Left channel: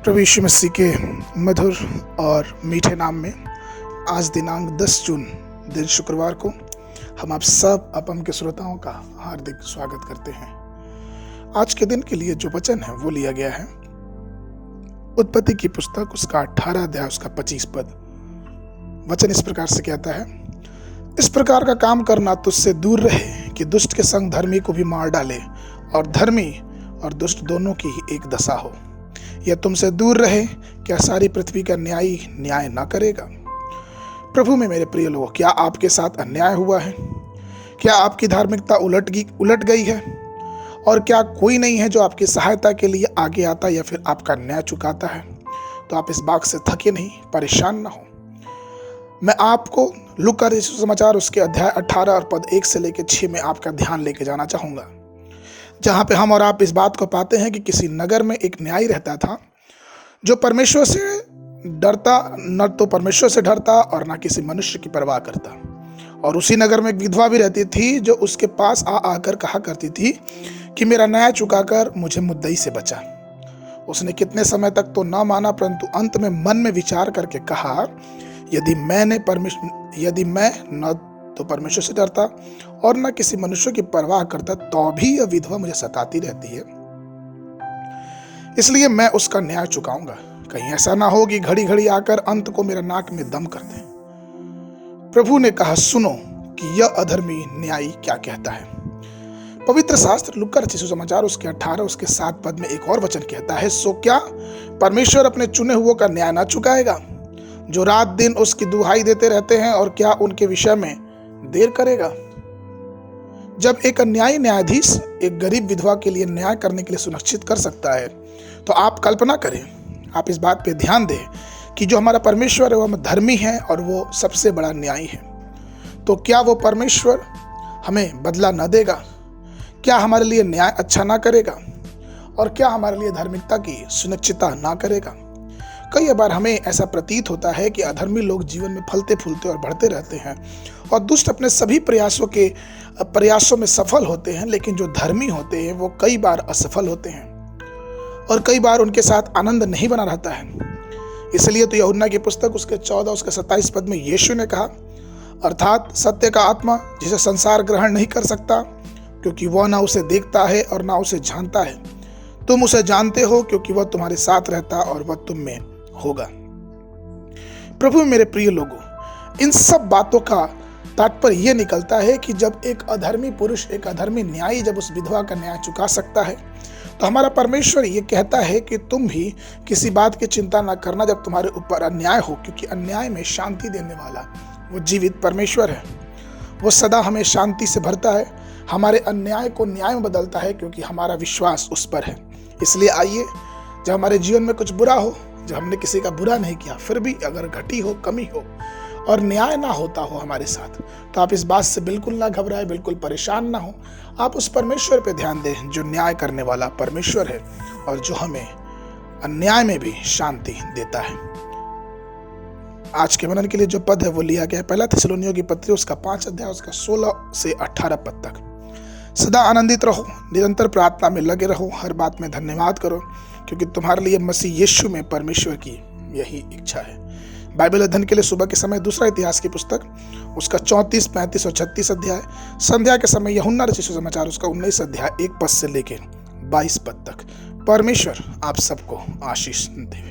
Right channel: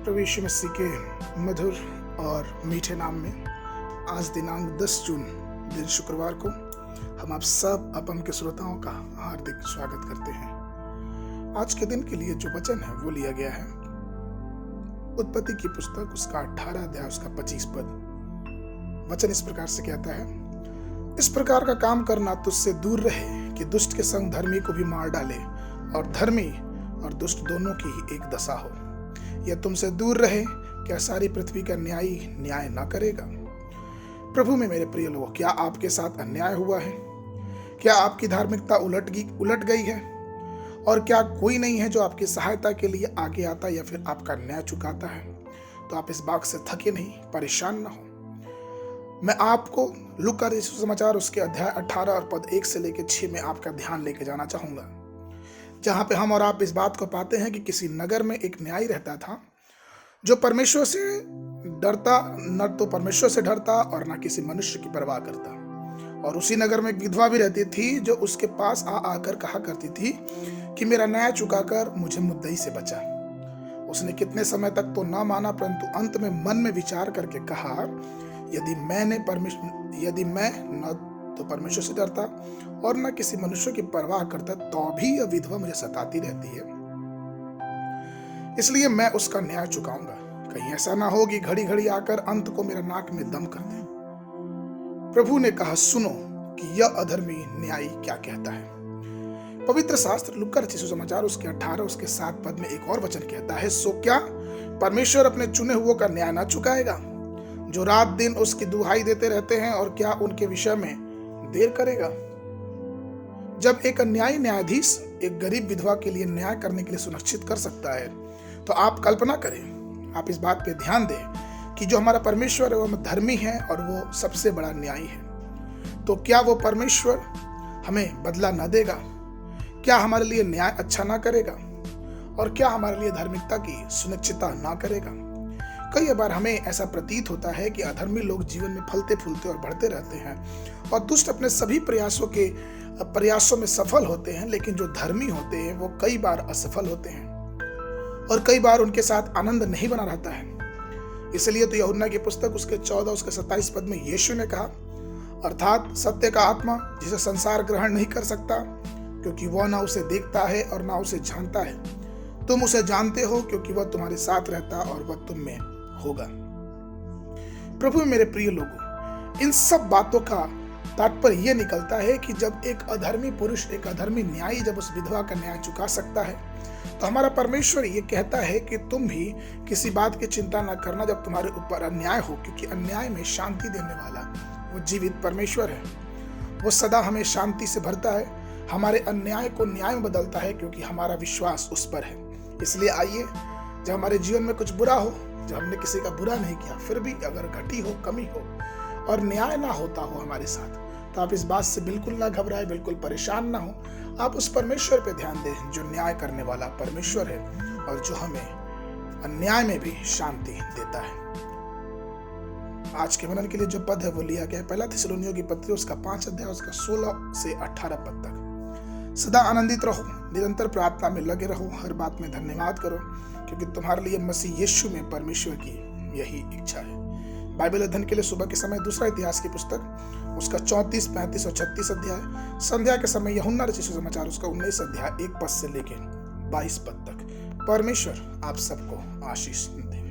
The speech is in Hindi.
प्रभु यीशु मसीह के मधुर और मीठे नाम में आज दिनांक 10 जून दिन शुक्रवार को हम आप सब अपम के श्रोताओं का हार्दिक स्वागत करते हैं। आज के दिन के लिए जो वचन है वो लिया गया है उत्पत्ति की पुस्तक उसका 18 अध्याय उसका 25 पद। वचन इस प्रकार से कहता है, इस प्रकार का काम करना तुझसे दूर रहे कि दुष्ट के संग धर्मी को भी मार डाले और धर्मी और दुष्ट दोनों की ही एक दशा हो। यह तुमसे दूर रहे, क्या सारी पृथ्वी का न्यायी न्याय ना करेगा। प्रभु में मेरे प्रिय लोगों, क्या आपके साथ अन्याय हुआ है? क्या आपकी धार्मिकता उलट गई है? और क्या कोई नहीं है जो आपकी सहायता के लिए आगे आता या फिर आपका न्याय चुकाता है? तो आप इस बात से थके नहीं, परेशान ना हो। मैं आपको लूका रचित सुसमाचार उसके अध्याय 18 और पद 1 से लेकर 6 में आपका ध्यान लेके जाना चाहूंगा, जहां पे हम और आप इस बात को पाते हैं कि किसी नगर में एक न्यायी रहता था जो परमेश्वर से डरता, न तो परमेश्वर से डरता और ना किसी मनुष्य की परवाह करता। और उसी नगर में एक विधवा भी रहती थी जो उसके पास आकर कहा करती थी कि मेरा न्याय चुकाकर मुझे मुद्दई से बचा। उसने कितने समय तक तो ना माना, परंतु अंत में मन में विचार करके कहा, यदि मैं न तो परमेश्वर से डरता और न किसी मनुष्य की परवाह करता, तो भी यह विधवा मुझे सताती रहती है, इसलिए मैं उसका न्याय चुकाऊंगा। कहीं ऐसा ना हो कि घड़ी घड़ी आकर अंत को मेरा नाक में दम कर दे। प्रभु ने कहा, सुनो कि यह अधर्मी न्यायी क्या कहता है। पवित्र शास्त्र लूका रचित सुसमाचार उसके 18 उसके 7 पद में एक और वचन कहता है, सो क्या परमेश्वर अपने चुने हुओं का न्याय ना चुकाएगा, जो रात दिन उसकी दुहाई देते रहते हैं, और क्या उनके विषय में देर करेगा। जब एक अन्यायी न्यायाधीश एक गरीब विधवा के लिए न्याय करने के लिए सुनिश्चित कर सकता है, तो आप कल्पना करें, आप इस बात पे ध्यान दें कि जो हमारा परमेश्वर है वह धर्मी है और वो सबसे बड़ा न्यायी है। तो क्या वो परमेश्वर हमें बदला न देगा? क्या हमारे लिए न्याय अच्छा ना करेगा? और क्या हमारे लिए धार्मिकता की सुनिश्चितता ना करेगा? कई बार हमें ऐसा प्रतीत होता है कि अधर्मी लोग जीवन में फलते फूलते और बढ़ते रहते हैं और दुष्ट अपने सभी प्रयासों में सफल होते हैं, लेकिन जो धर्मी होते हैं वो कई बार असफल होते हैं और कई बार उनके साथ आनंद नहीं बना रहता है। इसलिए तो यूहन्ना की पुस्तक उसके 14 उसके 27 पद में यीशु ने कहा, अर्थात सत्य का आत्मा जिसे संसार ग्रहण नहीं कर सकता, क्योंकि वह ना उसे देखता है और ना उसे जानता है। तुम उसे जानते हो क्योंकि वह तुम्हारे साथ रहता और वह तुम में होगा। प्रभु मेरे प्रिय लोगों, इन सब बातों का तात्पर्य यह निकलता है कि जब एक अधर्मी पुरुष, एक अधर्मी न्यायी जब उस विधवा का न्याय चुका सकता है, तो हमारा परमेश्वर ये कहता है कि तुम भी किसी बात की चिंता न करना जब तुम्हारे ऊपर अन्याय हो, क्योंकि अन्याय में शांति देने वाला वो जीवित परमेश्वर है। वो सदा हमें शांति से भरता है, हमारे अन्याय को न्याय में बदलता है, क्योंकि हमारा विश्वास उस पर है। इसलिए आइए, जब हमारे जीवन में कुछ बुरा हो, जब हमने किसी का बुरा नहीं किया, फिर भी अगर घटी हो, कमी हो और न्याय ना होता हो हमारे साथ, तो आप इस बात से बिल्कुल ना घबराए, बिल्कुल परेशान ना हो। आप उस परमेश्वर पे ध्यान दें जो न्याय करने वाला परमेश्वर है और जो हमें अन्याय में भी शांति देता है। आज के मनन के लिए जो पद है वो लिया गया है पहला थिस्सलुनीयों की पत्री उसका 5 अध्याय उसका 16 से 18 पद तक। सदा आनंदित रहो, निरंतर प्रार्थना में लगे रहो, हर बात में धन्यवाद करो, क्योंकि तुम्हारे लिए मसीह यीशु में परमेश्वर की यही इच्छा है। बाइबल अध्ययन के लिए सुबह के समय दूसरा इतिहास की पुस्तक उसका 34, 35 और 36 अध्याय, संध्या के समय यूहन्ना रचित सुसमाचार उसका 19 अध्याय 1 पद से लेकर 22 पद तक। परमेश्वर आप सबको आशीष दे।